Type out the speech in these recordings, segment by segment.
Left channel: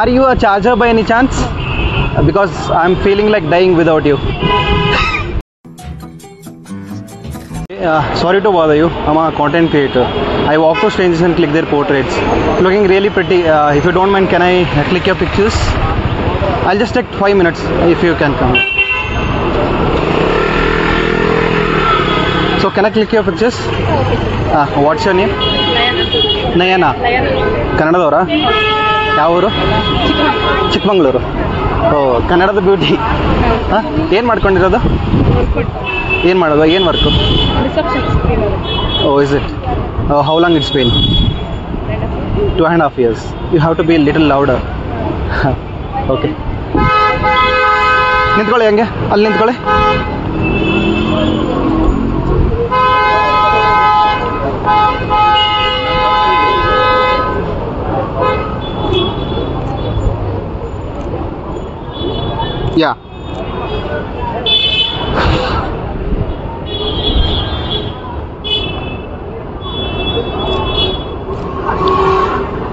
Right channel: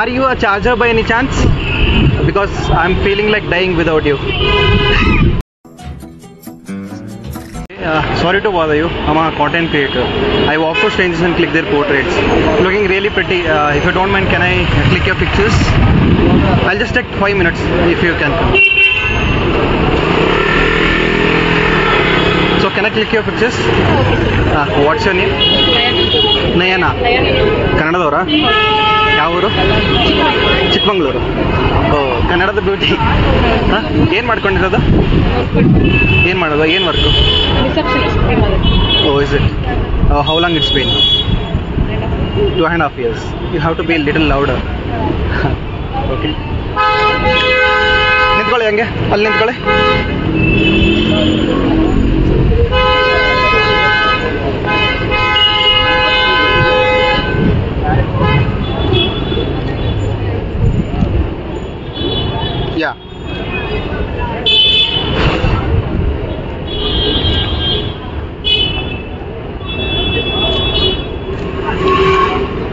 Are you a charger by any chance? Because I'm feeling like dying without you. Sorry to bother you. I'm a content creator. I walk to strangers and click their portraits. Looking really pretty. If you don't mind, can I click your pictures? I'll just take 5 minutes if you can come. So can I click your pictures? What's your name? Nayana. Kannadadavara? ಯಾವ ಊರು? ಚಿಕ್ಕಮಗಳೂರು. ಓ, ಕನ್ನಡದ beauty. ಏನು ಮಾಡ್ಕೊಂಡಿರೋದು? ಏನು ಮಾಡೋದು? ಏನು work? Oh, is it? Oh, how long it's been? 2.5 years. You have to be a little louder. Okay, ನಿಂತ್ಕೊಳ್ಳಿ, ಹಂಗೆ ಅಲ್ಲಿ ನಿಂತ್ಕೊಳ್ಳಿ. Yeah.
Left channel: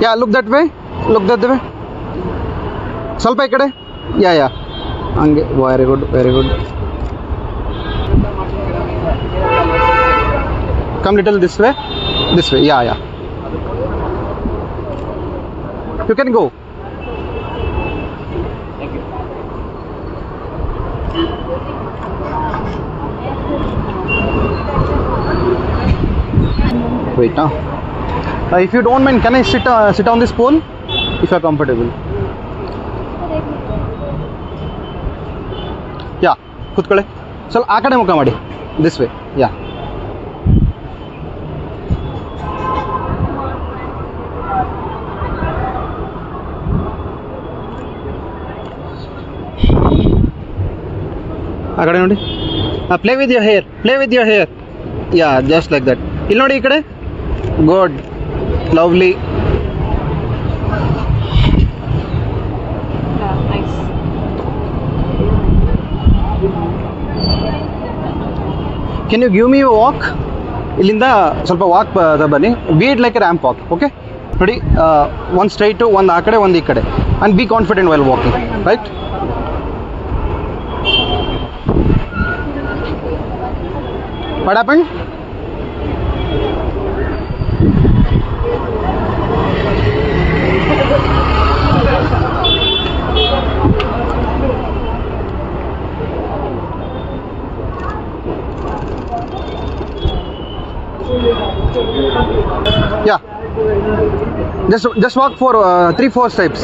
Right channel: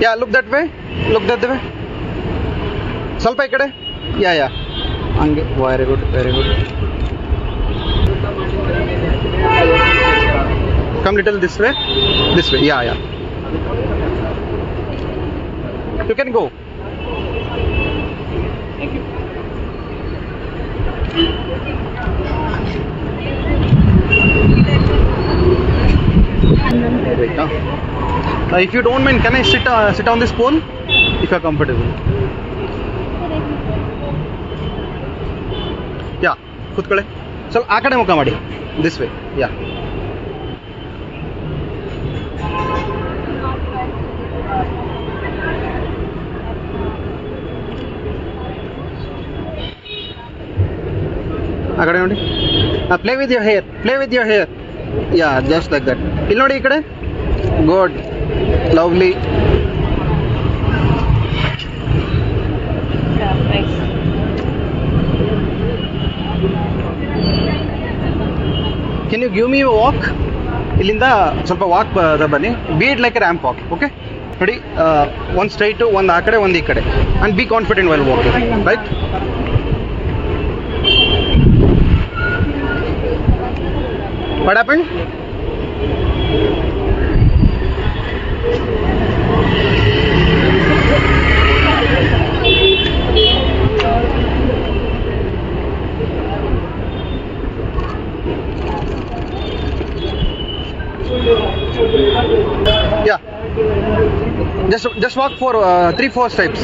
Yeah, look that way. Look that way. ಸ್ವಲ್ಪ ಈ ಕಡೆ. Yeah. ಹಂಗೆ. Very good. Come little this way. Yeah. You can go. Thank you. Wait now. If you don't mind, can I sit on this pole? If you're comfortable. Yeah, ಕೂತ್ಕೊಳ್ಳಿ. ಸ್ವಲ್ಪ ಆ ಕಡೆ ಮುಖ ಮಾಡಿ. This way. Yeah. ಆ ಕಡೆ ನೋಡಿ. Play with your hair. Yeah, just like that. ಇಲ್ಲಿ ನೋಡಿ, ಈ ಕಡೆ. Good, lovely. Can you give me walk? ಇಲ್ಲಿಂದ ಸ್ವಲ್ಪ ವಾಕ್ ಬನ್ನಿ. Be it like a ramp walk. Okay, ನೋಡಿ, ಒಂದು ಸ್ಟ್ರೈಟು, ಒಂದು ಆ ಕಡೆ, ಒಂದು ಈ ಕಡೆ. And be confident well walking, right? What happened? Yeah. Just walk for 3-4 steps.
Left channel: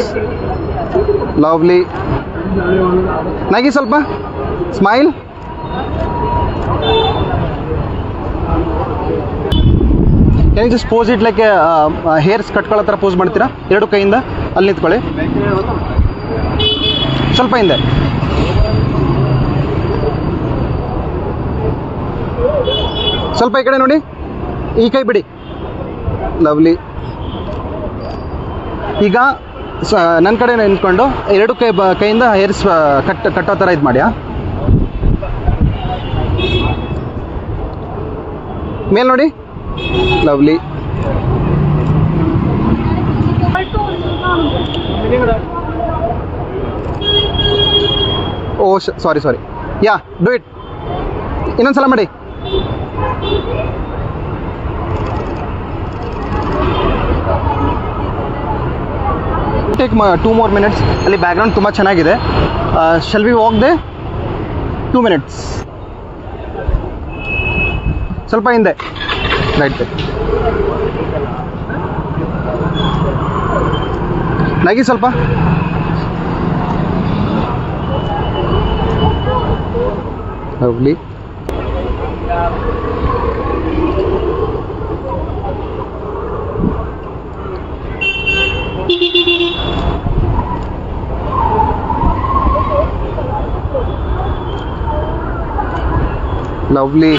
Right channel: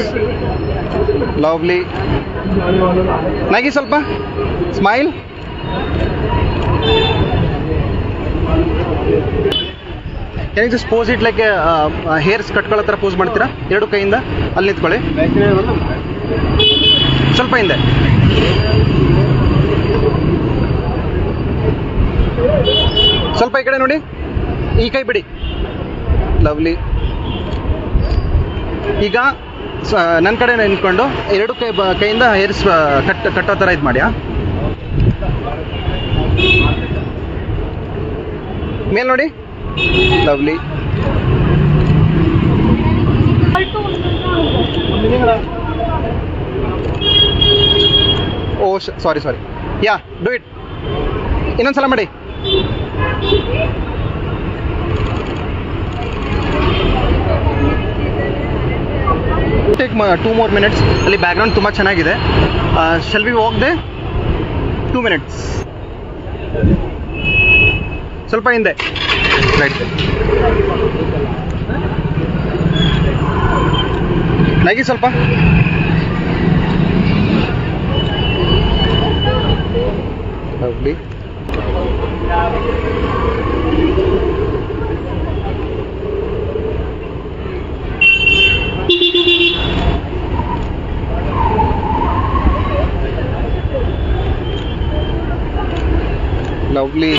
Lovely. Nagi ಸ್ವಲ್ಪ. Smile. Can you just pose it like a hairs ಕಟ್ಕೊಳ್ಳೋ ಥರ ಪೋಸ್ ಮಾಡ್ತೀರಾ? ಎರಡು ಕೈಯಿಂದ ಅಲ್ಲಿ ನಿಂತ್ಕೊಳ್ಳಿ. ಸ್ವಲ್ಪ ಹಿಂದೆ. ಸ್ವಲ್ಪ ಈ ಕಡೆ ನೋಡಿ. ಈ ಕೈ ಬಿಡಿ. ಲವ್ಲಿ. ಈಗ ನನ್ನ ಕಡೆ ನಿಂತ್ಕೊಂಡು ಎರಡು ಕೈಯಿಂದ ಹೇರ್ಸ್ ಕಟ್ಟೋ ಥರ ಇದು ಮಾಡಿ. ಮೇಲ್ ನೋಡಿ. Lovely. Oh, sorry. Yeah, do it. ಇನ್ನೊಂದ್ಸಲ ಮಾಡಿ. Take 2 more minutes. ಅಲ್ಲಿ ಬ್ಯಾಕ್ಗ್ರೌಂಡ್ ತುಂಬ ಚೆನ್ನಾಗಿದೆ. Shall we walk there? 2 minutes. ಸ್ವಲ್ಪ ಹಿಂದೆ. ರೈಟ್. ನಗಿ ಸ್ವಲ್ಪ. ಲವ್ಲಿ. Lovely.